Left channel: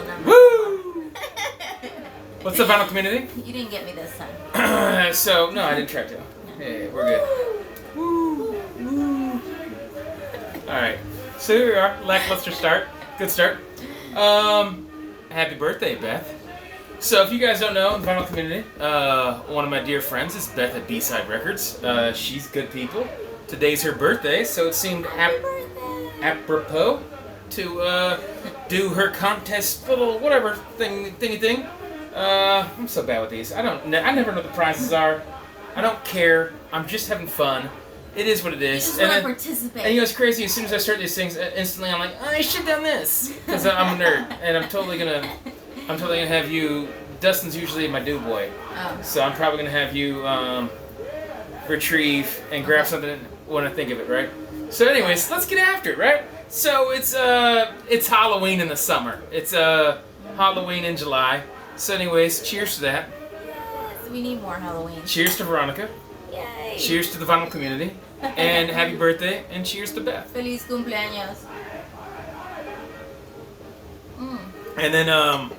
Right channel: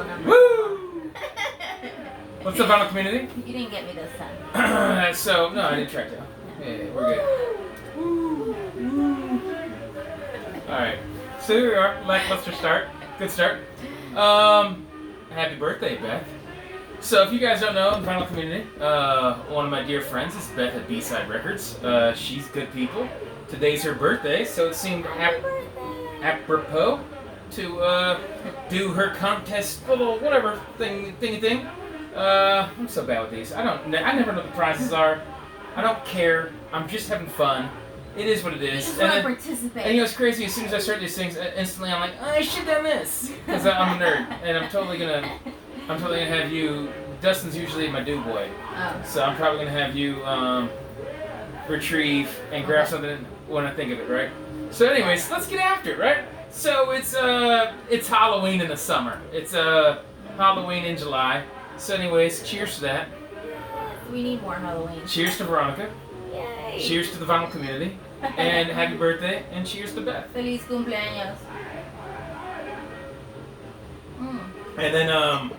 total number. Woo! What's the vinyl community? You didn't get me this time. So, no, I didn't track down. Yeah, we're good. Woo! Woo! Alright, so here we are. Lackluster start. Good start. Happy birthday, Beth. So, if you guys don't know, the vinyl community, one of my dear friends is Beth at B Sides Records. She's good people. Today's her birthday, so it seemed apropos to do her contest little whatever thing. I'm so bad with these. I never know what the prizes are. I don't care. I'm just having fun. It is what it is. You just want to participate. And you know what's crazy? As soon as I start these things, instantly I'm like, oh, I should have done this because I'm a nerd, and I'm totally gonna have you. Dustin's usually my do boy, so I'm probably gonna have you retrieve and grab something when I think of it, right? So, anyways, let's get after it, right? So it's Halloween in the summer. It's Halloween in July. So, anyways, cheers to that. Yes, we need more Halloween. Cheers to Veronica. Yay. Cheers to the vinyl community. And happy birthday. And cheers to Beth. Feliz cumpleaños. And then,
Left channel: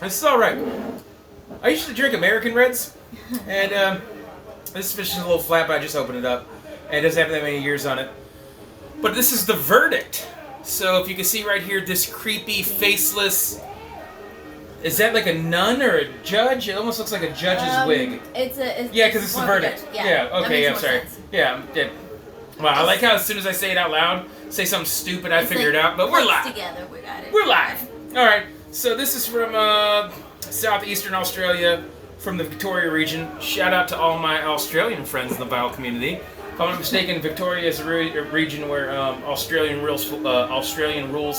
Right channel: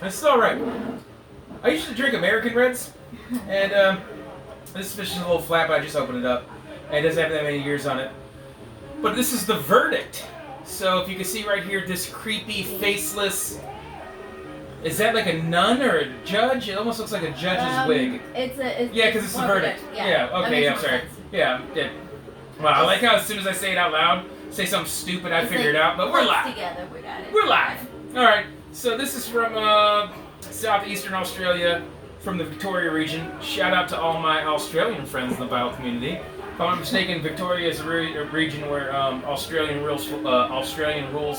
this is alright. I used to drink American Reds. And, this fish is a little flat, but I just opened it up. And it doesn't have that many years on it. But this is the verdict. So if you can see right here, this creepy, faceless... Is that like a nun or a judge? It almost looks like a judge's wig. Yeah, because it's the verdict. Yeah, okay, I'm sorry. Sense. Yeah. Well, I like how as soon as I say it out loud, say something stupid, I figure it out, but we're live. Together, we got it. We're live. Alright, so this is from southeastern Australia, from the Victoria region. Shout out to all my Australian friends in the vinyl community. If I'm not mistaken, Victoria is a region where Australian rules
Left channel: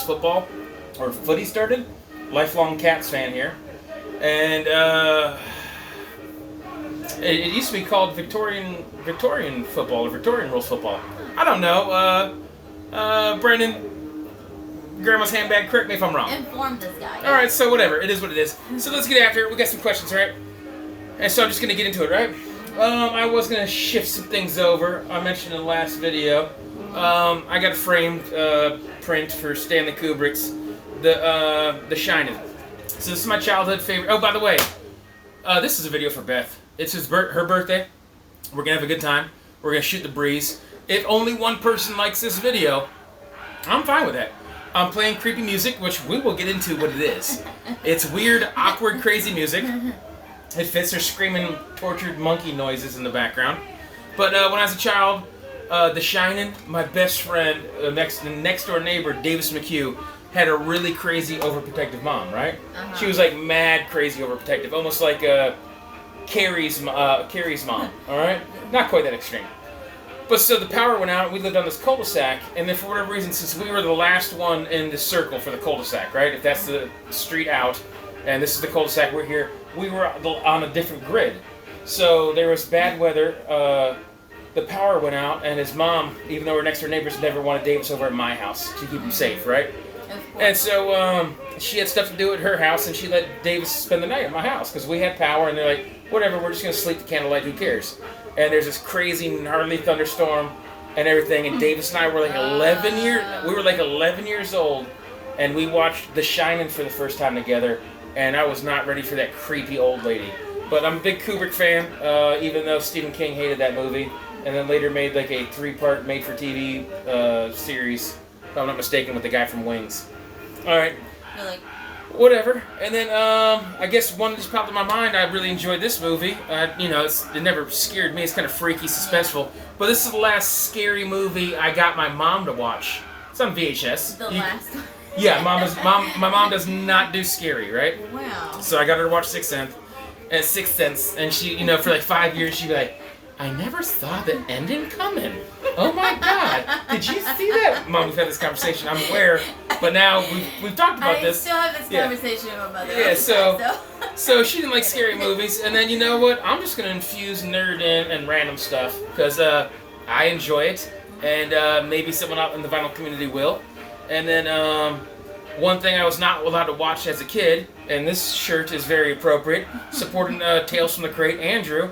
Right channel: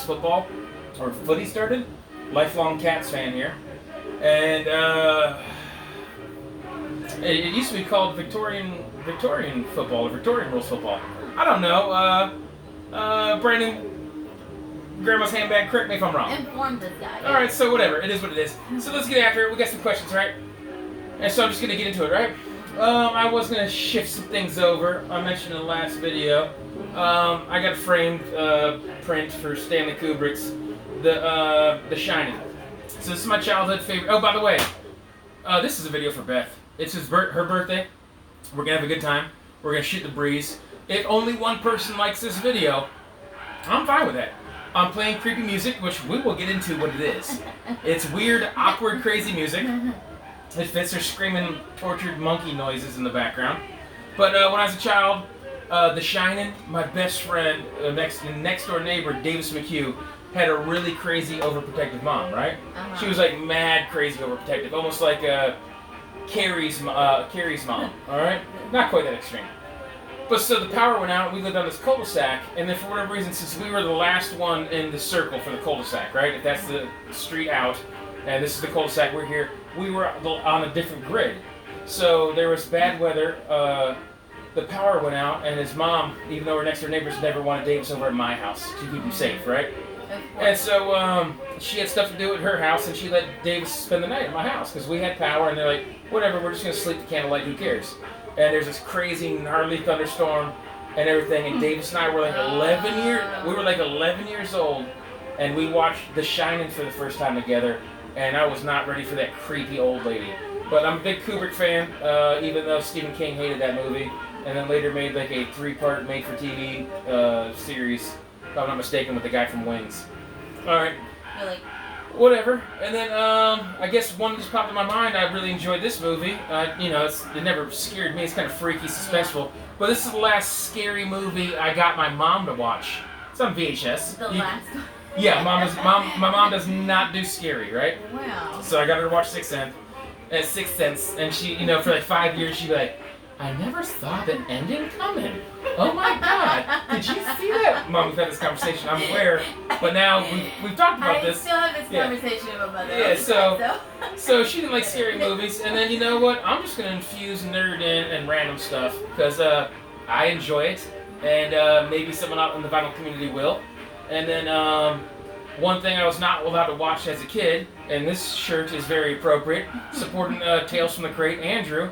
football, or footy started. Lifelong Cats fan here. And it used to be called Victorian football, or Victorian rules football. I don't know. Brandon, Grandma's handbag, correct me if I'm wrong. Inform this guy. Yeah. Alright, so whatever. It is what it is. So let's get after it. We got some questions, right? And so I'm just going to get into it, right? I was going to shift some things over. I mentioned in the last video. I got a framed print for Stanley Kubrick's The Shining. So this is my childhood favorite. Oh, by the way, this is a video for Beth. It's her birthday. We're going to have a good time. We're going to shoot the breeze. If only one person likes this video, I'm fine with that. I'm playing creepy music, which we will get into what it is. It's weird, awkward, crazy music. It fits her screaming, tortured monkey noises in the background. But when I was a child, The Shining, my best friend, next door neighbor, Davis McHugh, had a really crazy, overprotective mom, right? Uh-huh. She was like mad, crazy, overprotective, almost like Carrie's mom, all right? Not quite that extreme. But so the power went out, and we lived on this cul-de-sac, and then for whatever reason, since we were the last one in the circle for the cul-de-sac, right? If that's the street out, and this is the cul-de-sac, we're here, we were on a different grid. So there was bad weather, the power went out, and his mom, even though we're next door neighbors, never wanted Davis over at my house to keep him safe, right? And so she had stuff to do at her house, and she let Davis spend the night at my house because we had power, and they're like, whatever, we're just going to sleep the candlelight, who cares? And there's this crazy, gnarly thunderstorm and everything, and Davis and I were like 11 years old, and we watched The Shining for the first time together, and I was not ready for that creepy old lady. But I'm a big Kubrick fan, even though Stephen King hated that movie, and then later made like a 3-part made-for-TV series, if I'm not mistaken, with the guy from Wings. Alright. You're like... Whatever. And then, I guess one just popped in my mind. I really enjoyed this movie. It never scared me. It's kind of freaky, suspenseful. But this is the last scary movie I got my mom to watch. It's on VHS. Last one? Yeah, my mom does not do scary, right? Wow. So I got her to watch Sixth Sense, and she, for like 5 years, she'd be like, I never saw the ending coming. Oh my God! Did you see that? Mom, we've had this conversation. I'm aware, but now we've talked about this. I still have this conversation with my mother. Yeah, so she didn't like scary movies, and then you know what? I'm just gonna infuse nerd in and random stuff because I enjoy it, and maybe someone out in the vinyl community will. And then one thing I was not allowed to watch as a kid, and this shirt is very appropriate, supporting Tales from the Crate, Andrew.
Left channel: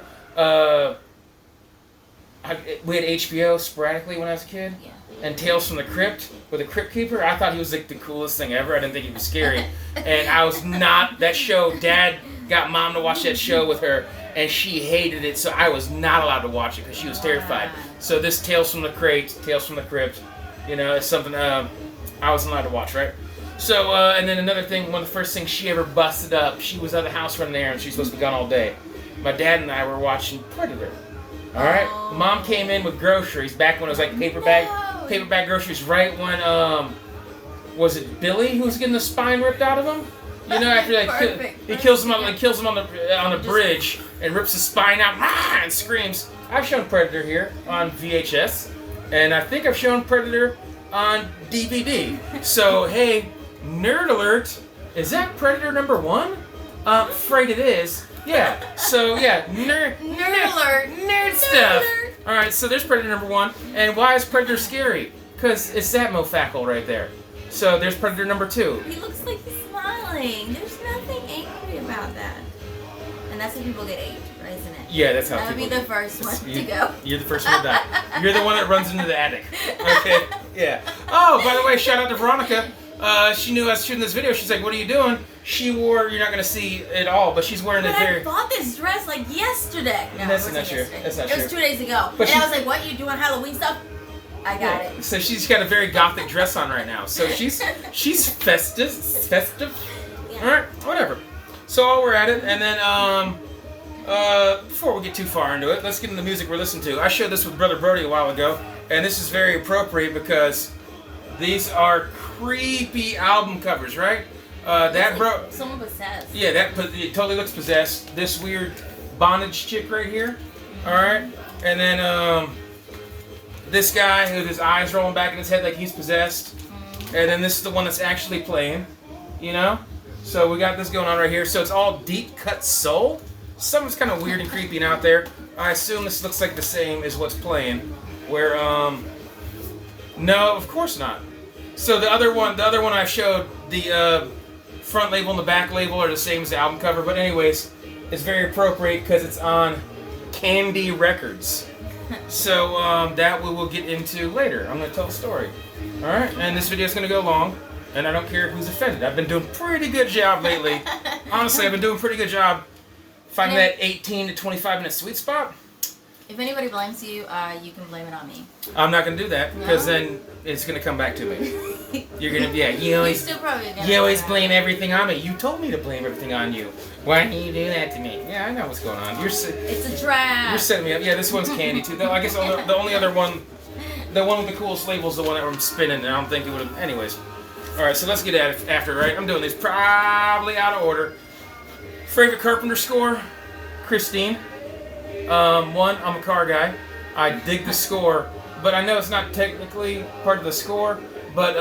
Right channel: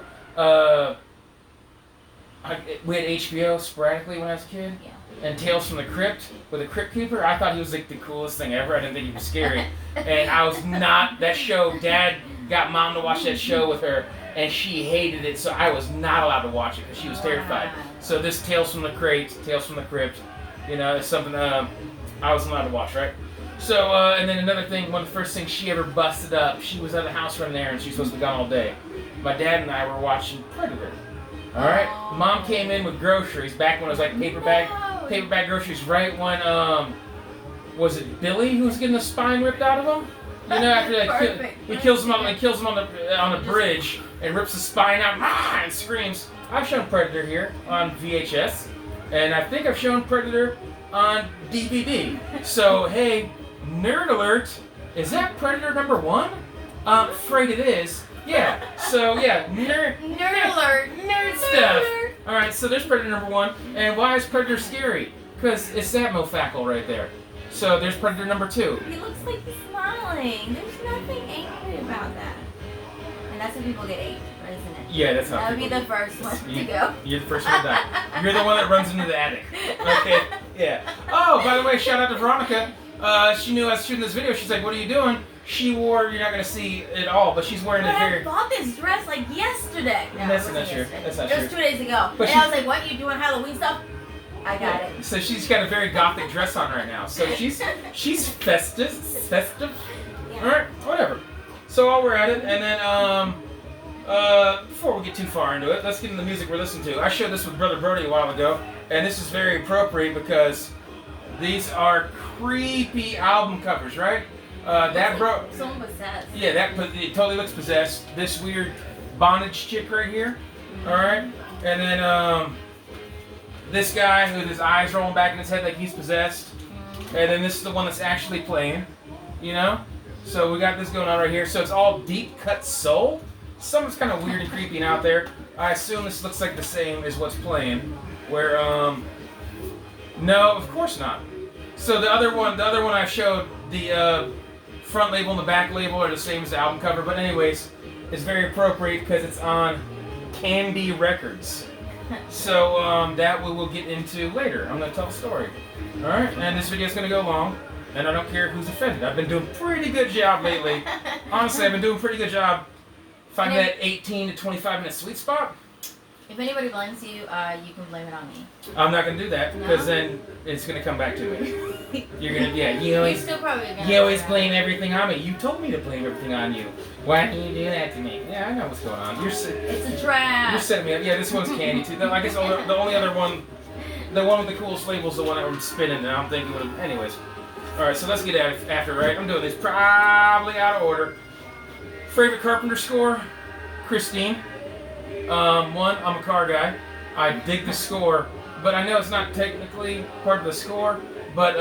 We had HBO sporadically when I was a kid. Yeah. and Tales from the Crypt with a Crypt Keeper. I thought he was like the coolest thing ever. I didn't think he was scary. And I was not, that show, Dad got Mom to watch that show with her, and she hated it, so I was not allowed to watch it because she was terrified. So this Tales from the Crypt, it's something I wasn't allowed to watch, right? So, and then another thing, one of the first things she ever busted up, she was at the house running errands, she's supposed to be gone all day. My dad and I were watching Predator. Alright? Mom came in with groceries back when it was like paper bag groceries, right when, was it Billy who was getting the spine ripped out of him? After he kills him on the bridge and rips the spine out and screams. I've shown Predator here on VHS, and I think I've shown Predator on DVD. So, hey, nerd alert, is that Predator number 1? Afraid it is. Yeah, so yeah, nerd alert. Nerd stuff. Alright, so there's Predator number 1. And why is Predator scary? Because it's that mofackle right there. So there's Predator number 2. He looks like he's smiling. There's nothing angry about that. And that's when people get aged, isn't it? Yeah, that's how that would be the first one to go. You're the first one to die. You're the one that runs into the attic. Okay, yeah. Oh, by the way, shout out to Veronica. She knew I was shooting this video. She's like, what are you doing? She wore, you're not going to see it all, but she's wearing I bought this dress like yesterday. No, that's it wasn't not true. yesterday. That's not true. It was 2 days ago. But and I was like, what, you doing Halloween stuff? I got it. So she's got a very gothic dress on right now. So she's festive. Yeah. All right, whatever. So while we're at it, and then before we get too far into it, let's get into the music we're listening to. I showed this with Brother Brody a while ago, and this is very appropriate because these are creepy album covers, right? Someone possessed. Yeah, it totally looks possessed. This weird bondage chick right here. All right, and then this guy with his eyes rolling back in his head like he's possessed, and then this is the one that's actually playing. So we got this going on right here. So it's all deep cut soul. Something's kind of weird and creepy and out there. I assume this looks like the same as what's playing. Where no, of course not. So the other one I showed, the front label and the back label are the same as the album cover, but anyways, it's very appropriate because it's on Candy Records. So that we will get into later. I'm going to tell the story. Alright, and this video is going to go long, and I don't care who's offended. I've been doing a pretty good job lately. Honestly, I've been doing a pretty good job finding that 18 to 25 minute sweet spot. If anybody blames you, you can blame it on me. I'm not gonna do that because then it's gonna come back to me. You're gonna, You're still probably gonna. You always blame everything on me. You told me to blame everything on you. Why didn't you do that to me? Yeah, I know what's going on. It's a trap. You're setting me up. Yeah, this one's Candy too. I guess the only other one, the one with the coolest label's the one that I'm spinning, and I'm thinking would have. Anyways, all right. So let's get at it after. Right, I'm doing this probably out of order. Favorite Carpenter score, Christine. One, I'm a car guy. I dig the score, but I know it's not technically part of the score, but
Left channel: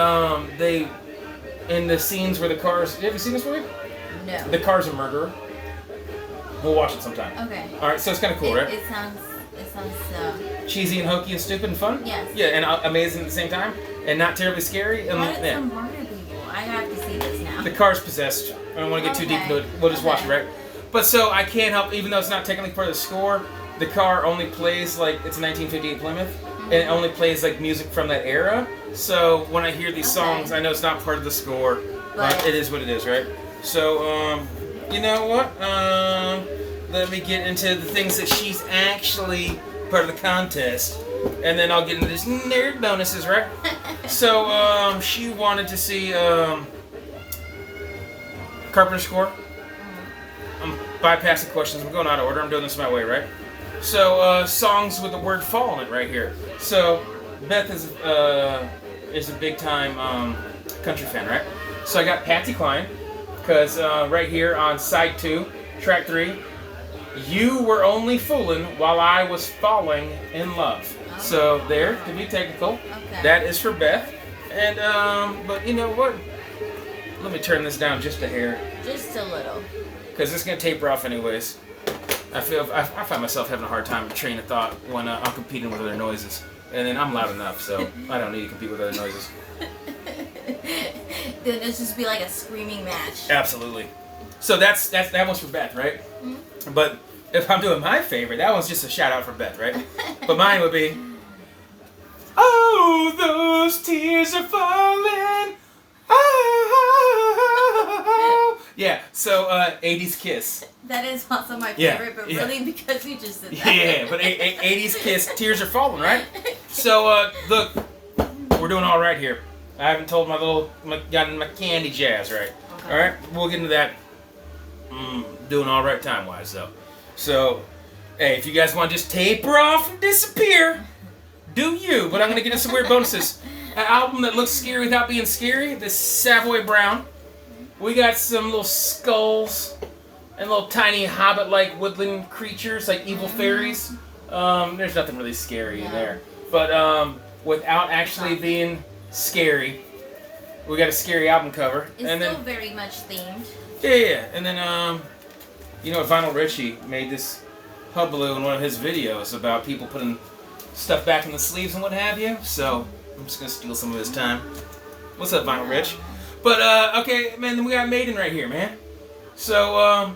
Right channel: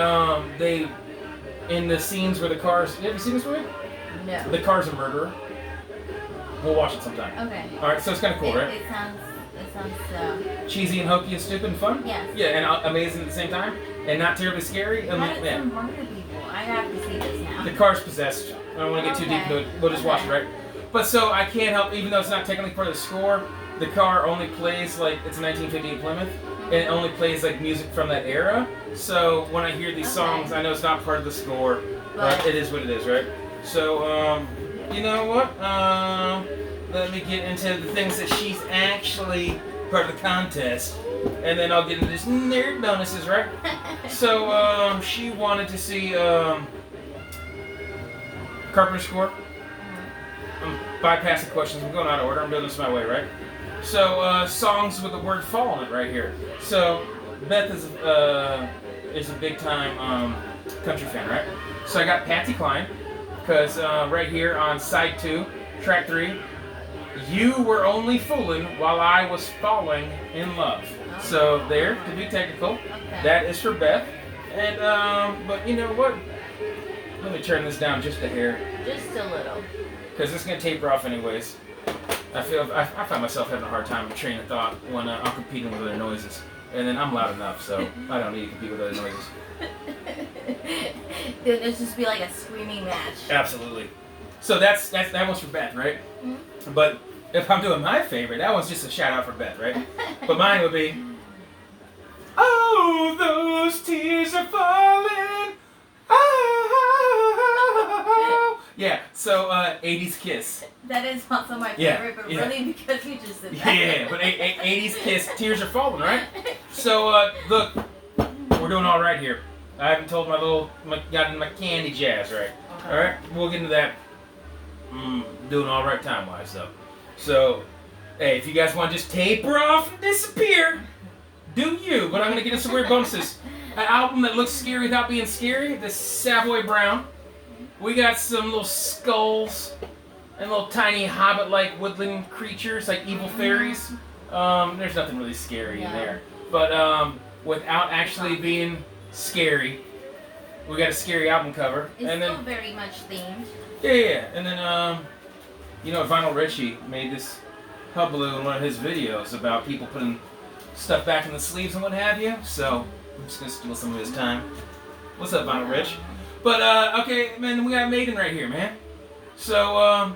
they, in the scenes where the cars, have you seen this movie? No. The car's a murderer. We'll watch it sometime. Okay. Alright, so it's kind of cool, right? It sounds cheesy and hokey and stupid and fun? Yes. Yeah, and amazing at the same time, and not terribly scary. Why did some murder people? I have to see this now. The car's possessed. I don't want to get too deep into it. We'll just watch it, right? But so I can't help, even though it's not technically part of the score, the car only plays like it's a 1958 Plymouth, and it only plays like music from that era. So when I hear these songs, I know it's not part of the score, but it is what it is, right? So you know what? Let me get into the things that she's actually part of the contest, and then I'll get into this nerd bonuses, right? So she wanted to see Carpenter score. I'm bypassing questions. We're going out of order. I'm doing this my way, right? So, songs with the word fall in it right here. So, Beth is a big-time country fan, right? So I got Patsy Cline, because right here on side 2, track 3, you were only fooling while I was falling in love. Oh. So there, to be technical, that is for Beth. And, but you know what? Let me turn this down just a hair. Just a little. Because it's going to taper off anyways. I find myself having a hard time with train of thought when I'm competing with other noises. And then I'm loud enough, so I don't need to compete with other noises. Then it'll just be like a screaming match. Absolutely. So that one's for Beth, right? Mm-hmm. But if I'm doing my favorite, that one's just a shout out for Beth, right? But mine would be Oh, those tears are falling. Oh. Yeah, so 80s Kiss. That is also my Yeah, favorite, but yeah. really because you just said that. Yeah, but 80s Kiss, Tears Are Falling, right? So, look, we're doing all right here. I haven't told gotten my candy jazz right. Okay. All right, we'll get into that. Doing all right time-wise, though. So, hey, if you guys want to just taper off and disappear, do you. But I'm going to get into some weird bonuses. An album that looks scary without being scary, this Savoy Brown. We got some little skulls and little tiny hobbit-like woodland creatures, like evil fairies. There's nothing really scary in there. But without actually being scary, we got a scary album cover. It's and still then, very much themed. Yeah. And then, Vinyl Richie made this hullabaloo in one of his videos about people putting stuff back in the sleeves and what have you. So I'm just going to steal some of his time. What's up, Vinyl Rich? But, okay, man, then we got Maiden right here, man. So,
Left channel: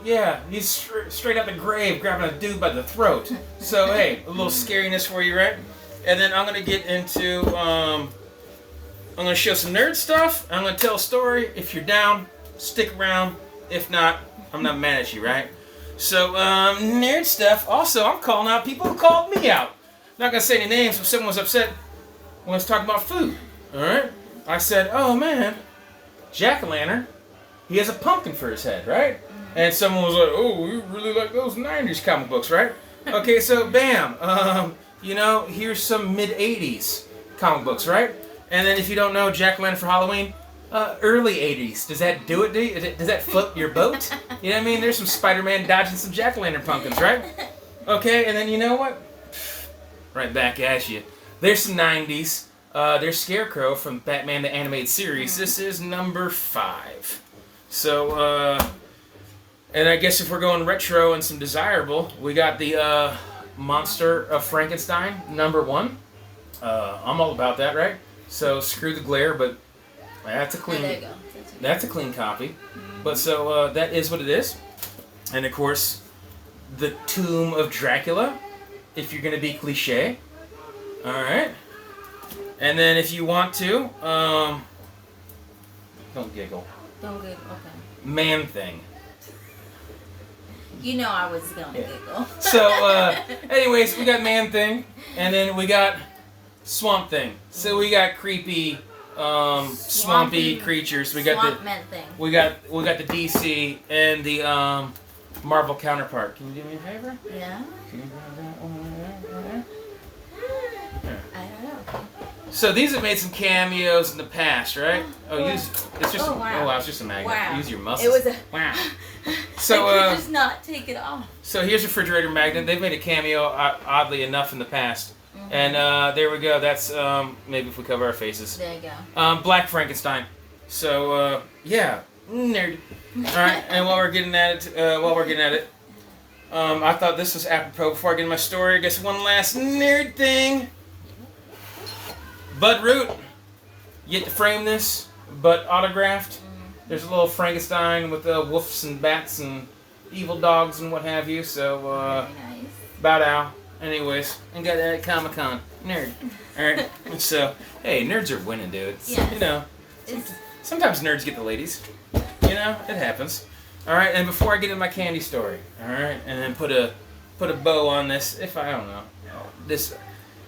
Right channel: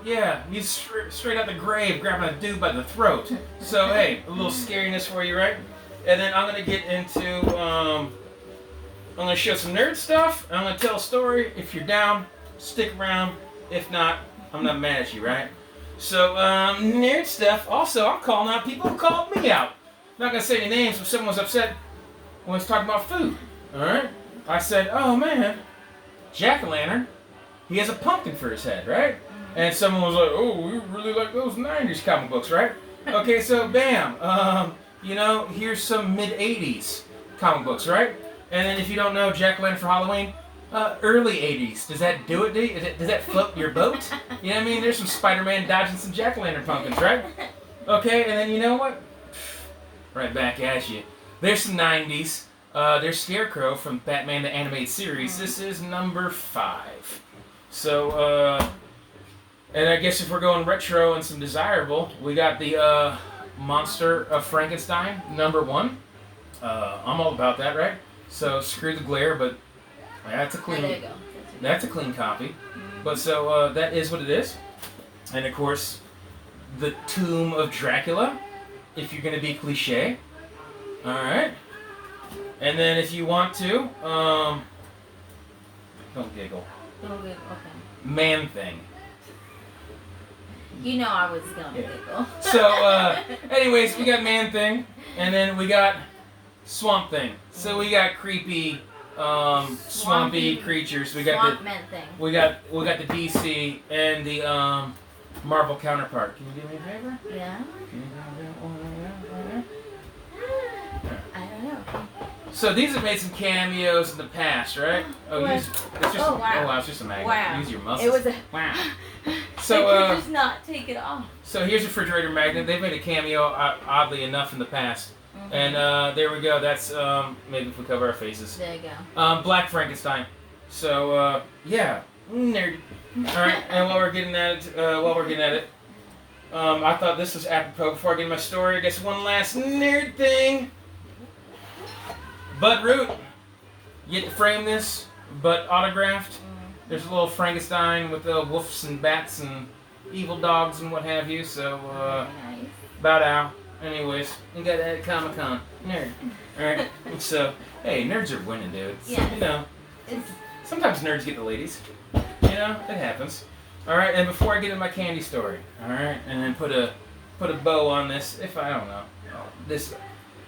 he's straight out the grave grabbing a dude by the throat. So, hey, a little scariness for you, right? And then I'm going to get into, I'm going to show some nerd stuff. I'm going to tell a story. If you're down, stick around. If not, I'm not mad at you, right? So, nerd stuff. Also, I'm calling out people who called me out. Not going to say any names, but someone was upset when I was talking about food. All right? I said, oh, man, Jack-o'-lantern, he has a pumpkin for his head, right? And someone was like, oh, you really like those 90s comic books, right? Okay, so bam. Here's some mid-80s comic books, right? And then if you don't know Jack-o'-lantern for Halloween, early 80s. Does that do it, do you? Does that float your boat? You know what I mean? There's some Spider-Man dodging some Jack-o'-lantern pumpkins, right? Okay, and then you know what? Right back at you. There's some 90s. There's Scarecrow from Batman the Animated Series. This is number 5. So, and I guess if we're going retro and some desirable, we got the Monster of Frankenstein, number 1. I'm all about that, right? So screw the glare, but that's a clean. There you go. That's a clean copy. But so that is what it is. And of course, the Tomb of Dracula, if you're going to be cliche. All right. And then if you want to, don't giggle. Don't giggle, okay. Man Thing. You know I was going to giggle. So, anyways, we got Man Thing, and then we got Swamp Thing. So we got creepy, swampy creatures. We got Swamp Man Thing. We got the DC and the Marvel counterpart. Can you do me a favor? Yeah. Can you grab that one right there? I don't know. So these have made some cameos in the past, right? It's just wow. It's just a magnet. Wow. Use your muscles. It was a wow. I So could just not take it off. So here's a refrigerator magnet. They've made a cameo, oddly enough, in the past. And there we go. That's maybe if we cover our faces. There you go. Black Frankenstein. So nerd. All right. And while we're getting at it, I thought this was apropos before I get into my story. I guess one last nerd thing. Bud Root. You get to frame this, but autographed. There's a little Frankenstein with wolves and bats and evil dogs and what have you. So Very nice. bow down. Anyways, and got that at Comic-Con. Nerd. Alright. So, hey, nerds are winning, dude. Yes. You know. Sometimes nerds get the ladies. You know, it happens. Alright, and before I get into my candy story, alright, and then put a bow on this, if I don't know. This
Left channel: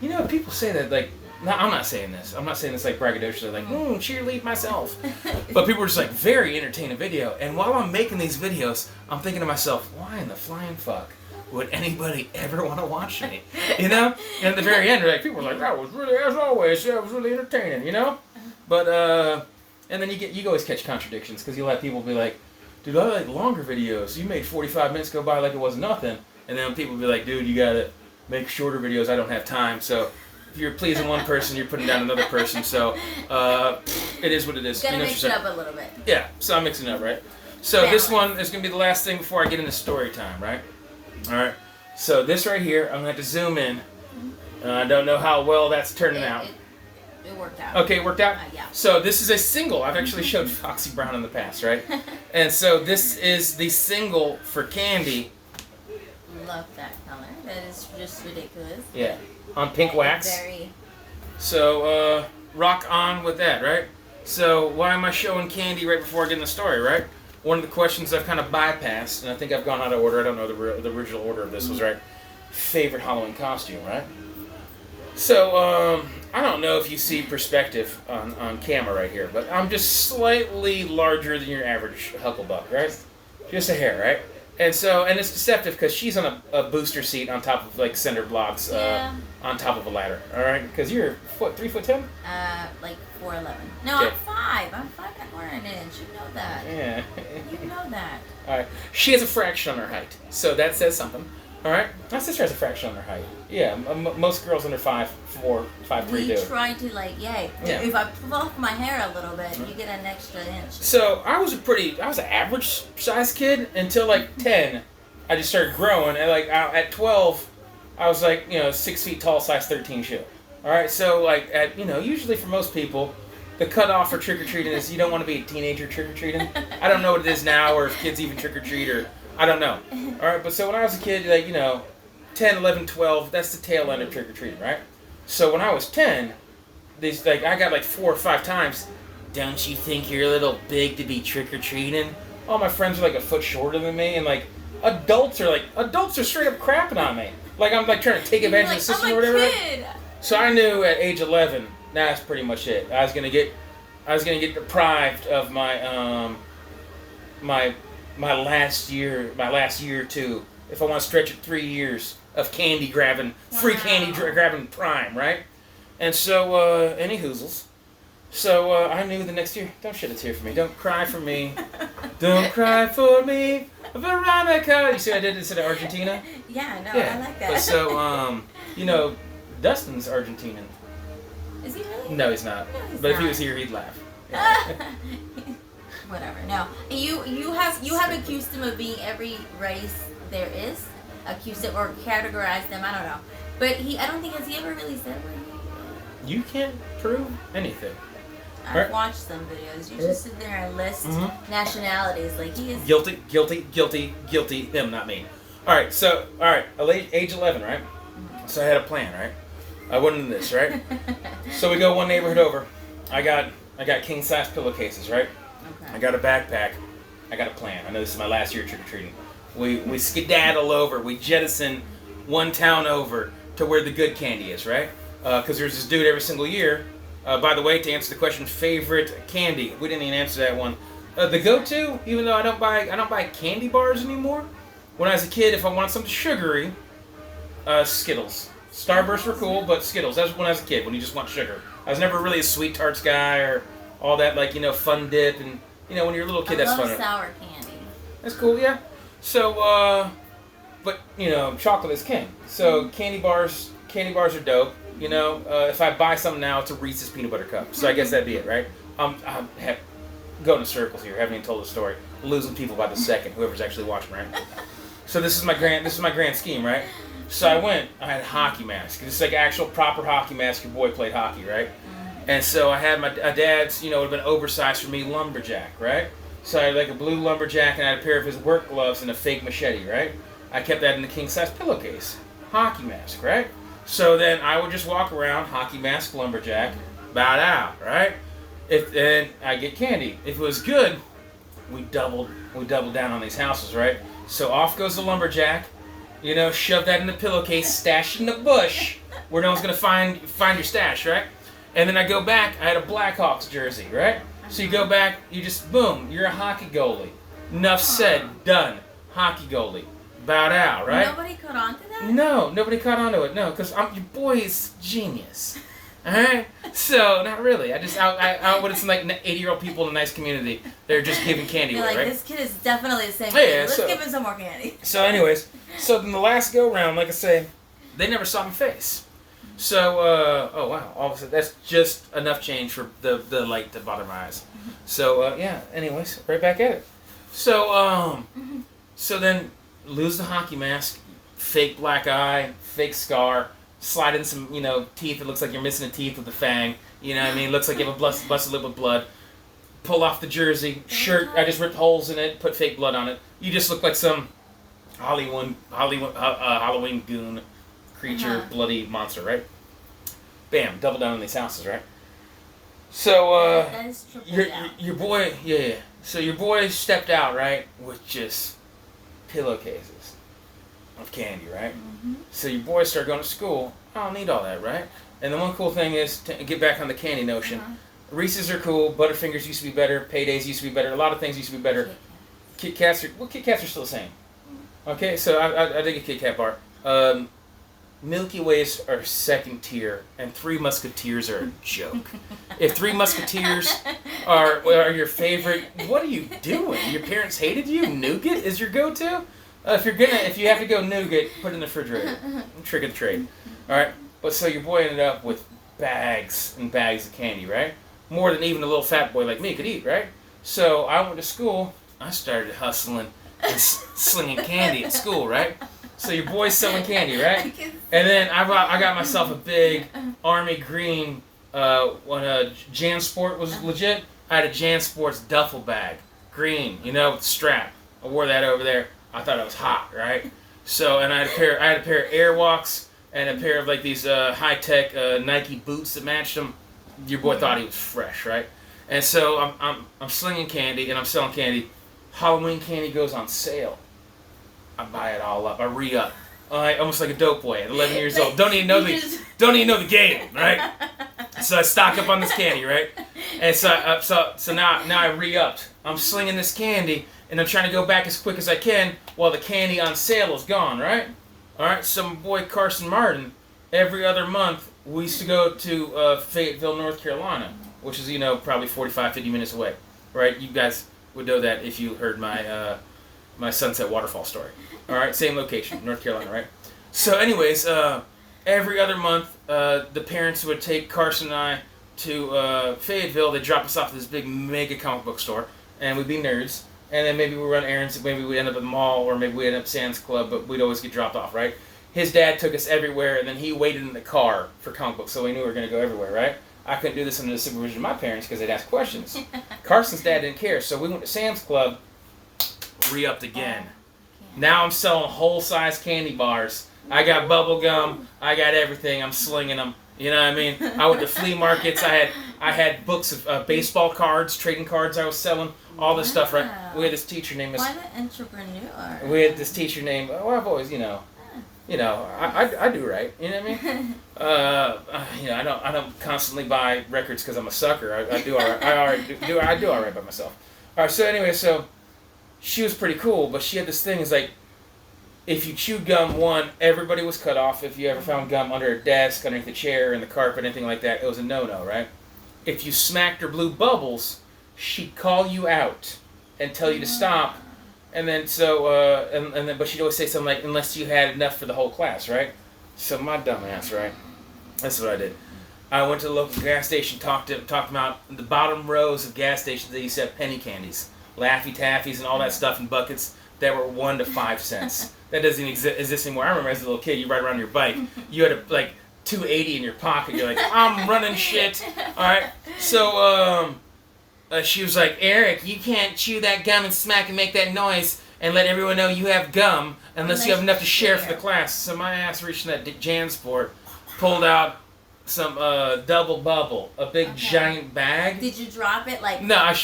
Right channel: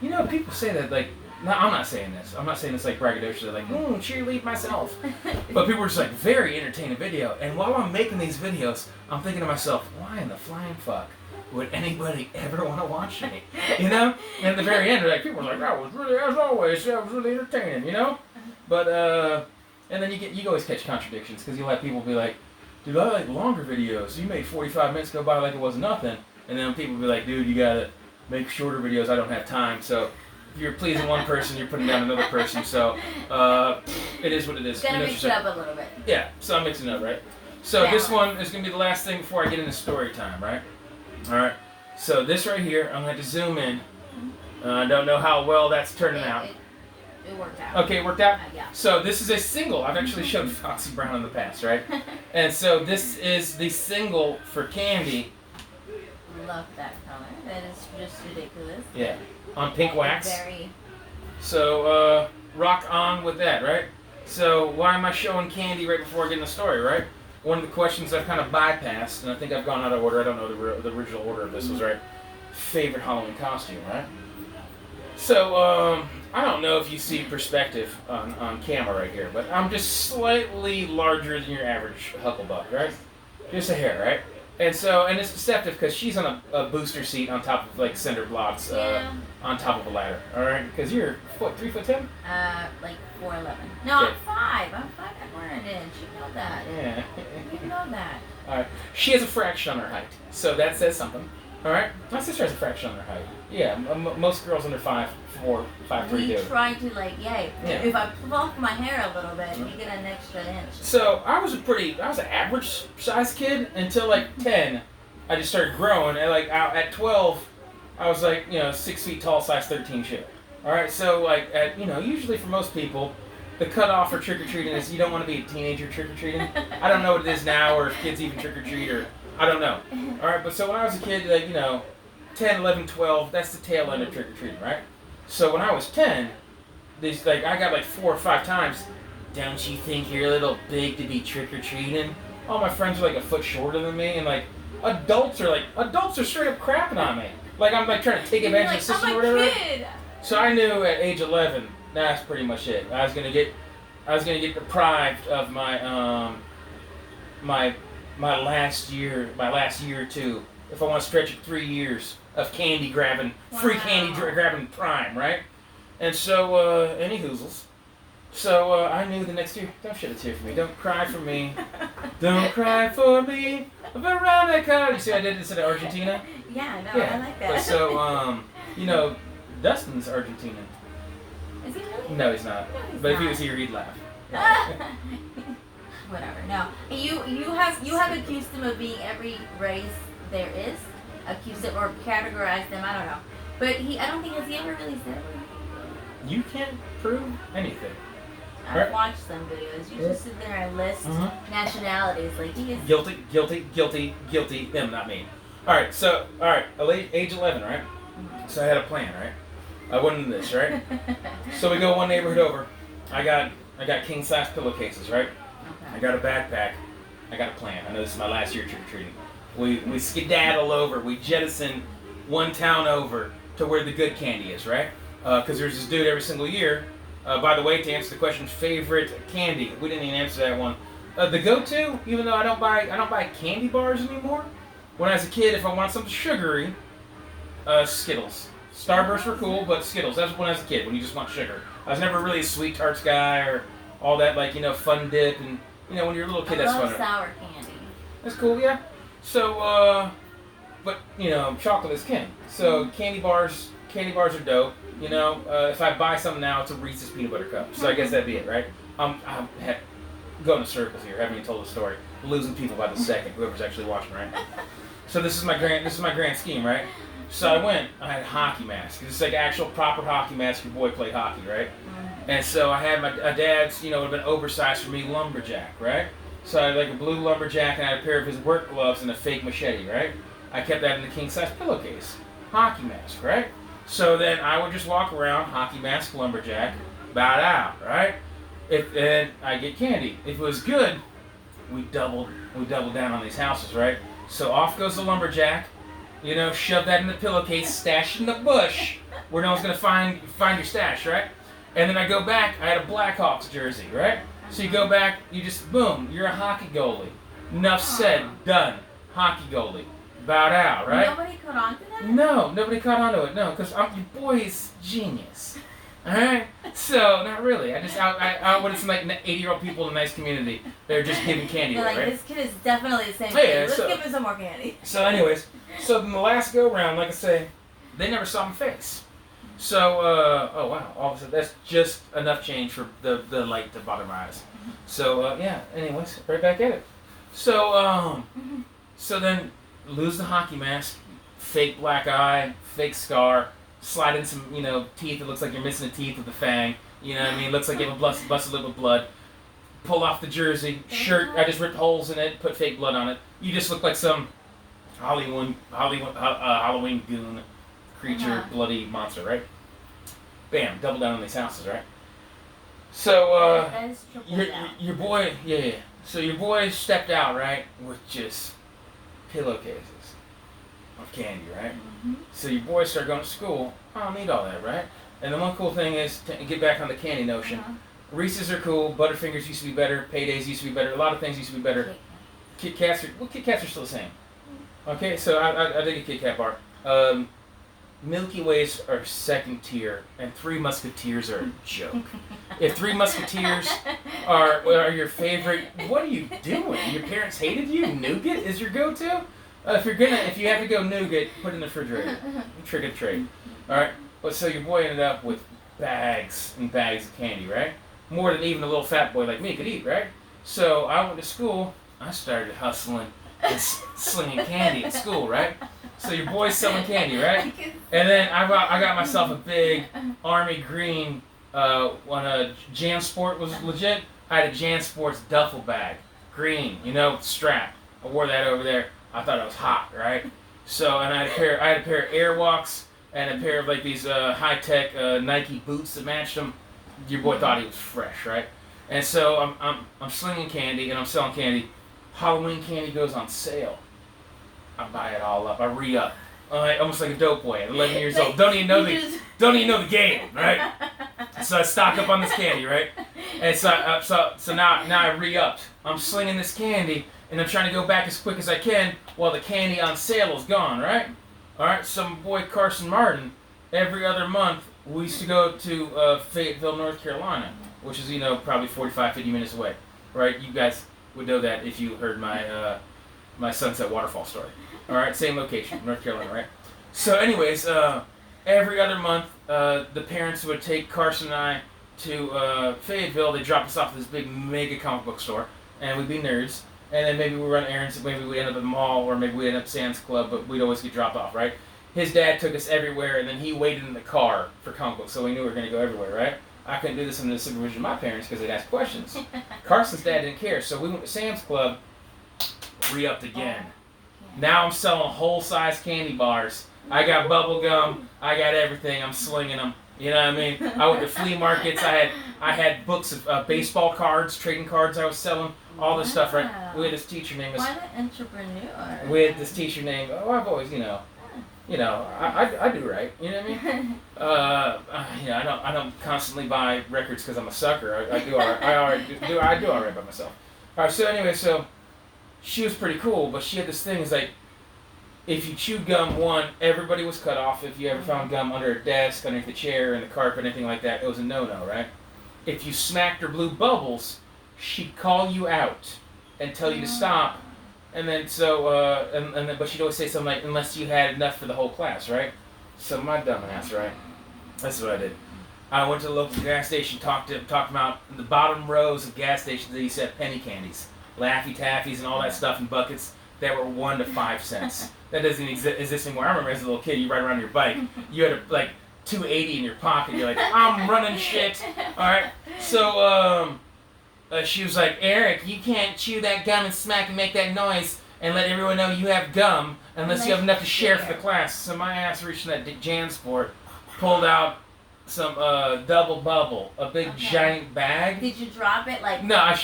people say that like no, I'm not saying this. I'm not saying this like braggadociously, like, cheerlead myself. But people are just like, very entertaining video. And while I'm making these videos, I'm thinking to myself, why in the flying fuck would anybody ever want to watch me? You know? And at the very end, like, people are like, that was really, as always, that was really entertaining, you know? But, and then you always catch contradictions, because you'll have people be like, dude, I like longer videos. You made 45 minutes go by like it was nothing. And then people be like, dude, you gotta make shorter videos. I don't have time. So if you're pleasing one person, you're putting down another person. So it is what it is. Gotta mix it up a little bit. Yeah, so I'm mixing it up, right? So this one is going to be the last thing before I get into story time, right? All right. So this right here, I'm going to have to zoom in. I don't know how well that's turning out. It worked out. Okay, it worked out? Yeah. So this is a single. I've actually showed Foxy Brown in the past, right? And so this is the single for Candy. Love that color. That is just ridiculous. Yeah. On pink wax. Very So rock on with that, right? So why am I showing candy right before I get in the story, right? One of the questions I've kind of bypassed, and I think I've gone out of order. I don't know the original order of this was right. Favorite Halloween costume, right? So I don't know if you see perspective on camera right here, but I'm just slightly larger than your average Hucklebuck, right? Just a hair, right? And it's deceptive because she's on a booster seat on top of like cinder blocks on top of a ladder, all right? Because you're what, 3'10"? Like 4'11". No, Okay. I'm 5. I'm 5 and we're an inch. You know that. Yeah. You know that. All right. She has a fraction on her height, so that says something. All right. My sister has a fraction on her height. Yeah, most girls under 5'4", 5'3" We do. try to if I fluff my hair a little bit, you get an extra inch. So I was an average size kid until like 10. I just started growing, and like at 12, I was like 6 feet tall, size 13 shoe. All right. So like at usually for most people, the cutoff for trick or treating is you don't want to be a teenager trick or treating. I don't know what it is now, or if kids even trick or treat, or I don't know. All right. But so when I was a kid, like 10, 11, 12, that's the tail end of trick or treating, right? So when I was 10, I got like 4 or 5 times. Don't you think you're a little big to be trick or treating? All my friends are like a foot shorter than me, and like adults are straight up crapping on me. Like I'm like trying to take advantage of the system or whatever. Kid. So I knew at age 11, that's pretty much it. I was gonna get deprived of my my last year or two. If I want to stretch it 3 years of candy grabbing, free candy grabbing prime, right? And so, any hoozles. So I knew the next year, don't shed a tear for me. Don't cry for me. Don't cry for me, Veronica. You see I did this in Argentina? Yeah, no, I like that. But so, Dustin's Argentinian. Is he really? No, he's not. No, he's but not. if he was here, he'd laugh. Whatever. No, you have accused him of being every race there is, accused him or categorized them. I don't know, but I don't think has he ever really said what he. You can't prove anything. I've watched some videos. You just sit there and list nationalities like he is. Guilty. Him, not me. All right. Age 11, right? Mm-hmm. So I had a plan, right? I went into this, right? So we go one neighborhood over. I got king size pillowcases, right? Okay. I got a backpack. I got a plan. I know this is my last year trick or treating. We skedaddle over. We jettison one town over to where the good candy is, right? Because there's this dude every single year. By the way, to answer the question, favorite candy. We didn't even answer that one. The go-to, even though I don't buy candy bars anymore. When I was a kid, if I wanted something sugary, Skittles. Starbursts were cool, but Skittles. That was when I was a kid. When you just want sugar. I was never really a sweet tarts guy or all that fun dip and when you're a little kid, that's fun. I love sour candy. That's cool, yeah. So, but chocolate is king. So candy bars are dope. If I buy something now, it's a Reese's peanut butter cup. So I guess that'd be it, right? I'm going in circles here. Haven't even told the story. Losing people by the second. Whoever's actually watching, right? So this is my grand scheme, right? So I had a hockey mask. This is like actual proper hockey mask. Your boy played hockey, right? And so I had my dad's, would have been oversized for me, lumberjack, right? So I had like a blue lumberjack, and I had a pair of his work gloves and a fake machete, right? I kept that in the king-size pillowcase. Hockey mask, right? So then I would just walk around, hockey mask, lumberjack, bowed out, right? And I get candy. If it was good, we doubled down on these houses, right? So off goes the lumberjack, shove that in the pillowcase, stash it in the bush, where no one's gonna find your stash, right? And then I go back, I had a Blackhawks jersey, right? So you go back, you just, boom, you're a hockey goalie. Enough said, done. Hockey goalie. Bowed out, right? Nobody caught on to that? No, nobody caught on to it, no, because your boy is genius. Alright? So, not really. I would have some like 80-year-old people in a nice community. They're just giving candy They're away, like, right? this kid is definitely the same kid. Let's so, give him some more candy. So anyways, then the last go-round, like I say, they never saw my face. So, oh wow, all of a sudden, that's just enough change for the light to bother my eyes. So, anyways, right back at it. So, so then, lose the hockey mask, fake black eye, fake scar, slide in some, teeth, it looks like you're missing a teeth with a fang, it looks like you have a busted lip with blood. Pull off the jersey, shirt, I just ripped holes in it, put fake blood on it. You just look like some Halloween goon creature, bloody monster, right? bam, double down on these houses, right? So That is triple down. your boy, yeah. So your boy stepped out, right, with just pillowcases of candy, right? Mm-hmm. So your boys start going to school. I don't need all that, right? And the one cool thing is to get back on the candy notion. Uh-huh. Reese's are cool. Butterfingers used to be better. Paydays used to be better. A lot of things used to be better. Kit Kats are still the same. Okay, so I dig a Kit Kat bar. Milky Ways are second tier, and Three Musketeers are a joke. If Three Musketeers are your favorite, what are you doing? Your parents hated you? Nougat is your go-to? If you have to go nougat, put it in the refrigerator. Trick or trade. All right. But so your boy ended up with bags and bags of candy, right? More than even a little fat boy like me could eat, right? So I went to school. I started hustling and slinging candy at school, right? So your boy's selling candy, right? And then I got myself a big army green. When JanSport was legit, I had a JanSports duffel bag, green, with strap. I wore that over there. I thought it was hot, right? So and I had a pair of Airwalks and a pair of like these high tech Nike boots that matched them. Your boy thought he was fresh, right? And so I'm slinging candy and I'm selling candy. Halloween candy goes on sale. I buy it all up. I re-up. Almost like a dope boy at 11 years old. Don't even know the game, right? So I stock up on this candy, right? And so now I re-upped. I'm slinging this candy, and I'm trying to go back as quick as I can while the candy on sale is gone, right? All right. So my boy Carson Martin, every other month we used to go to Fayetteville, North Carolina, which is probably 45, 50 minutes away, right? You guys would know that if you heard my Sunset Waterfall story. All right, same location, North Carolina, right? So, anyways, every other month, the parents would take Carson and I to Fayetteville. They'd drop us off at this big mega comic book store, and we'd be nerds. And then maybe we'd run errands, maybe we'd end up at the mall, or maybe we'd end up at Sam's Club, but we'd always get dropped off, right? His dad took us everywhere, and then he waited in the car for comic books, so we knew we were going to go everywhere, right? I couldn't do this under the supervision of my parents because they'd ask questions. Carson's dad didn't care, so we went to Sam's Club, re-upped again. Now I'm selling whole-size candy bars. I got bubble gum. I got everything. I'm slinging them. You know what I mean? I went to flea markets. I had books of baseball cards, trading cards I was selling, all this stuff, right? We had this teacher named... Why an entrepreneur? We had this teacher named... I've always, I do right. You know what I mean? I don't constantly buy records because I'm a sucker. I do all right. I do all right by myself. All right, so anyway, she was pretty cool, but she had this thing, is like, if you chewed gum, everybody was cut off. If you ever found gum under a desk, underneath a chair, in the carpet, anything like that, it was a no-no, right? If you smacked or blew bubbles, she'd call you out and tell you to stop. And then but she'd always say something like, unless you had enough for the whole class, right? So my dumb ass, right? That's what I did. I went to the local gas station, talked about the bottom rows of gas stations that used to have penny candies. Laffy Taffies and all that stuff in buckets that were 1 to 5 cents. That doesn't exist anymore. I remember as a little kid, you ride around your bike, you had like $2.80 in your pocket. You're like, I'm running shit. All right. So she was like, Eric, you can't chew that gum and smack and make that noise and let everyone know you have gum unless you have enough to share for the class. So my ass reached in that JanSport, pulled out some double bubble, a big giant bag. Did you drop it like? No, and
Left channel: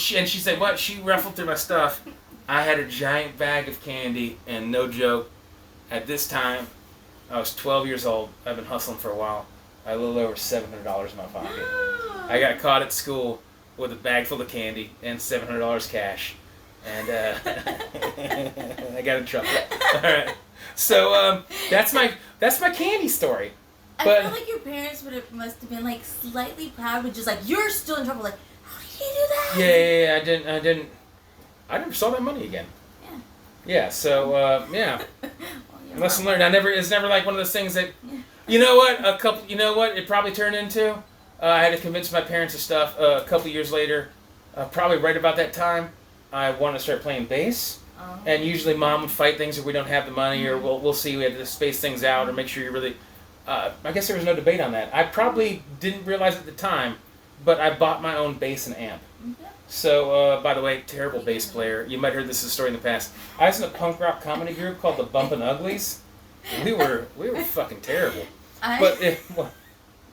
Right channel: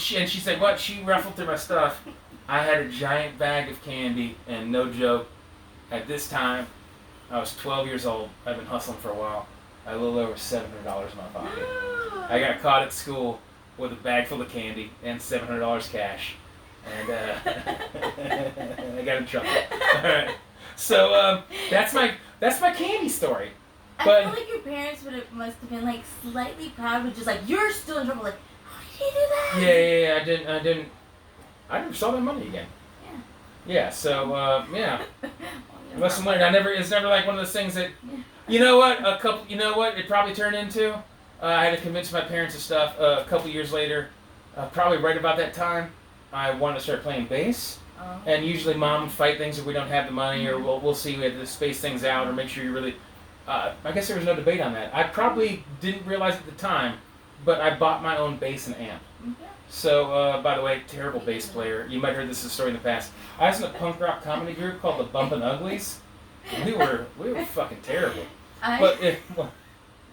she said what? She ruffled through my stuff. I had a giant bag of candy, and no joke, at this time, I was 12 years old. I've been hustling for a while. I had a little over $700 in my pocket. I got caught at school with a bag full of candy and $700 cash, and I got in trouble. All right, so that's my candy story. I feel like your parents must have been like slightly proud, but just like, you're still in trouble. Like, how did you do that? Yeah. I never saw that money again. Yeah. Yeah. So yeah. Well, Lesson learned. It's never like one of those things that, you know what? It probably turned into. I had to convince my parents of stuff. A couple years later, probably right about that time, I wanted to start playing bass. And usually, Mom would fight things if we don't have the money, or we'll see. We have to space things out, or make sure you really. I guess there was no debate on that. I probably didn't realize at the time, but I bought my own bass and amp. Yeah. So, by the way, terrible bass player. You might have heard this story in the past. I was in a punk rock comedy group called the Bumpin' Uglies. We were fucking terrible.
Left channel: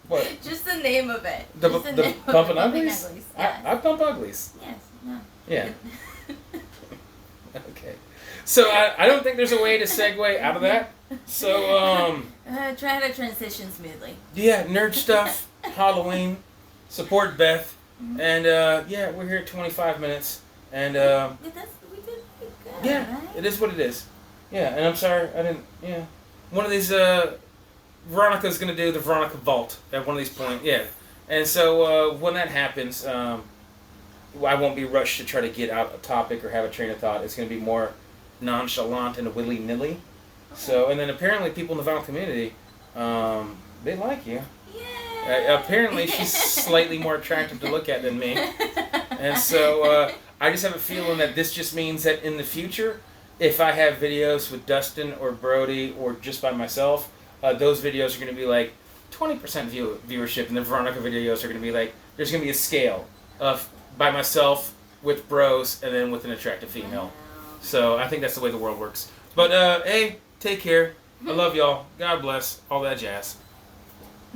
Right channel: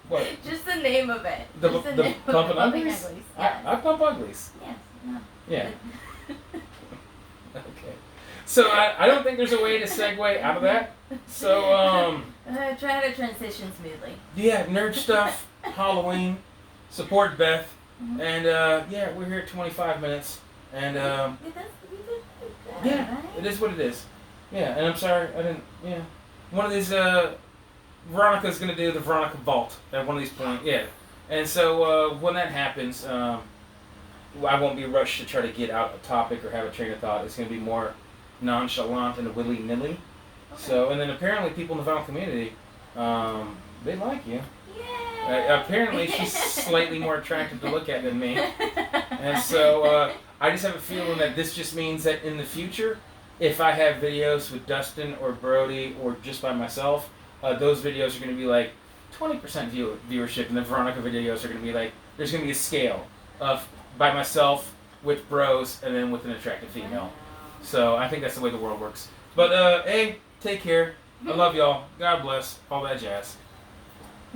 What? Just the name of it. The Just the name of pumping it. Pumping uglies? uglies. Yes. I pump uglies. Yes. No. Yeah. Okay. So I don't think there's a way to segue out of that. So Try to transition smoothly. yeah, nerd stuff, Halloween, support Beth, Mhm. and yeah, we're here at 25 minutes, and We did pretty good, yeah, right? it is what it is. Yeah, and I'm sorry I didn't. Yeah, one of these Veronica's gonna do the Veronica Vault at one of these points. Yeah, and so when that happens, I won't be rushed to try to get out a topic or have a train of thought. It's gonna be more nonchalant and willy-nilly. Okay. So, and then apparently people in the vinyl community, they like you. Yay! Apparently she's slightly more attractive to look at than me. And so I just have a feeling that this just means that in the future, if I have videos with Dustin or Brody or just by myself, those videos are going to be like 20% viewership, and the Veronica videos are going to be like, there's going to be a scale of by myself with bros and then with an attractive female. Wow. So I think that's the way the world works. But hey, take care. I love y'all. God bless. All that jazz.